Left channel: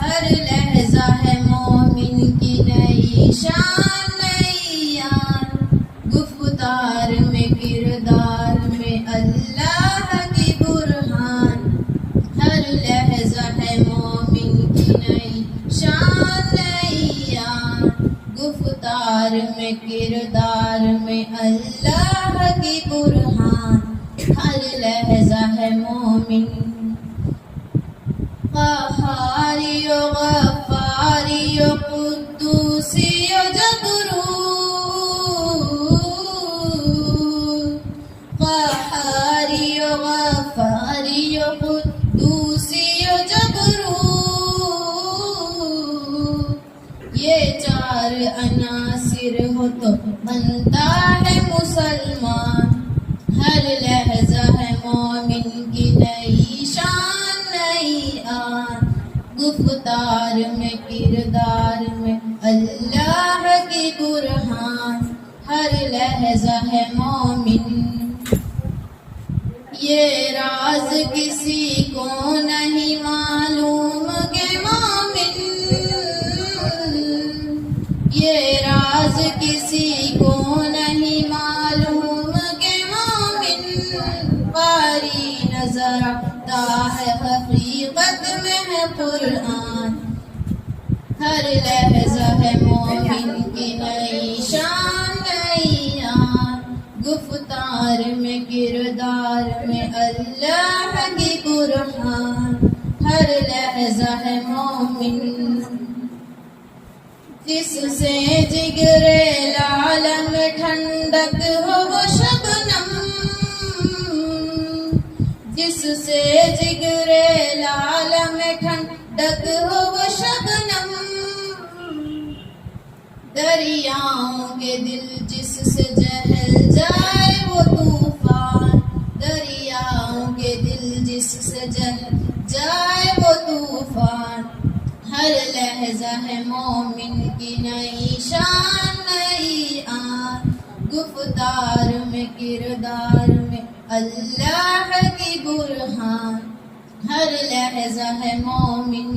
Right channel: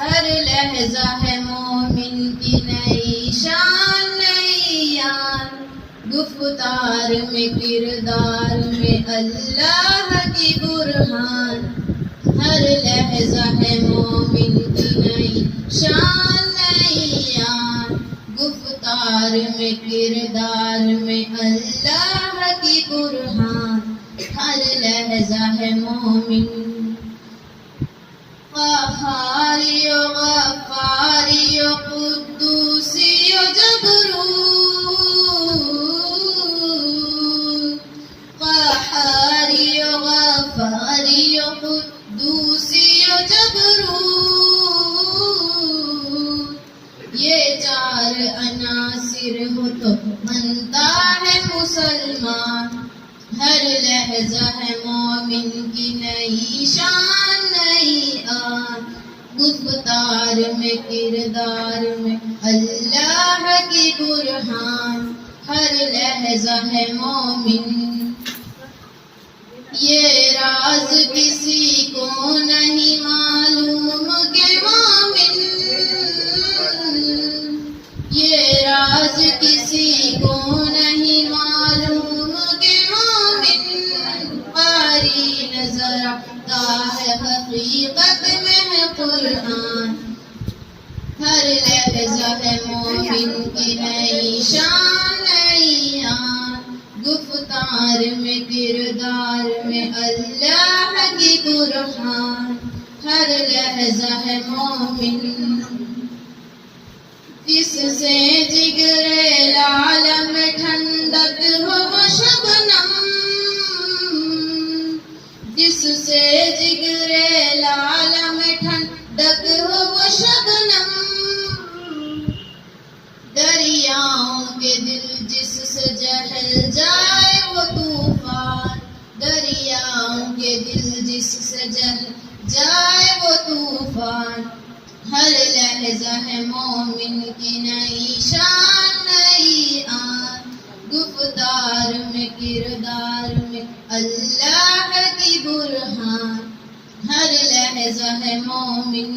ہر لہجہ ہے مومن کی نئی شان نئی یان، گفتار میں کردار میں اللہ کی برہان۔ ہر لہجہ ہے مومن کی نئی شان نئی یان، گفتار میں کردار میں اللہ کی برہان۔ ہر لہجہ ہے مومن قہاری و غفاری و قدوسی و جبروت، قہاری و غفاری و قدوسی و جبروت، یہ چار عناصر ہو تو بنتا ہے مسلمان۔ ہر لہجہ ہے مومن کی نئی شان نئی آن، گفتار میں کردار میں اللہ کی برہان۔ ہر لہجہ ہے مومن، یہ راز کسی کو نہیں معلوم کہ مومن، یہ راز کسی کو نہیں معلوم کہ مومن، قاری نظر آتا ہے حقیقت میں ہے قرآن۔ ہر لہجہ ہے مومن کی نئی شان نئی آن، گفتار میں کردار میں اللہ کی برہان۔ ہر لہجہ ہے مومن، جس سے جگر لال میں ٹھنڈک ہو وہ شبنم، جس سے جگر لال میں ٹھنڈک ہو وہ شبنم، دریاؤں کے دل جس سے جہل جائے وہ طوفان، دریاؤں کے دل جس سے جہل جائے وہ طوفان۔ ہر لہجہ ہے مومن کی نئی شان نئی آن، گفتار میں کردار میں اللہ کی برہان۔ ہر لہجہ ہے مومن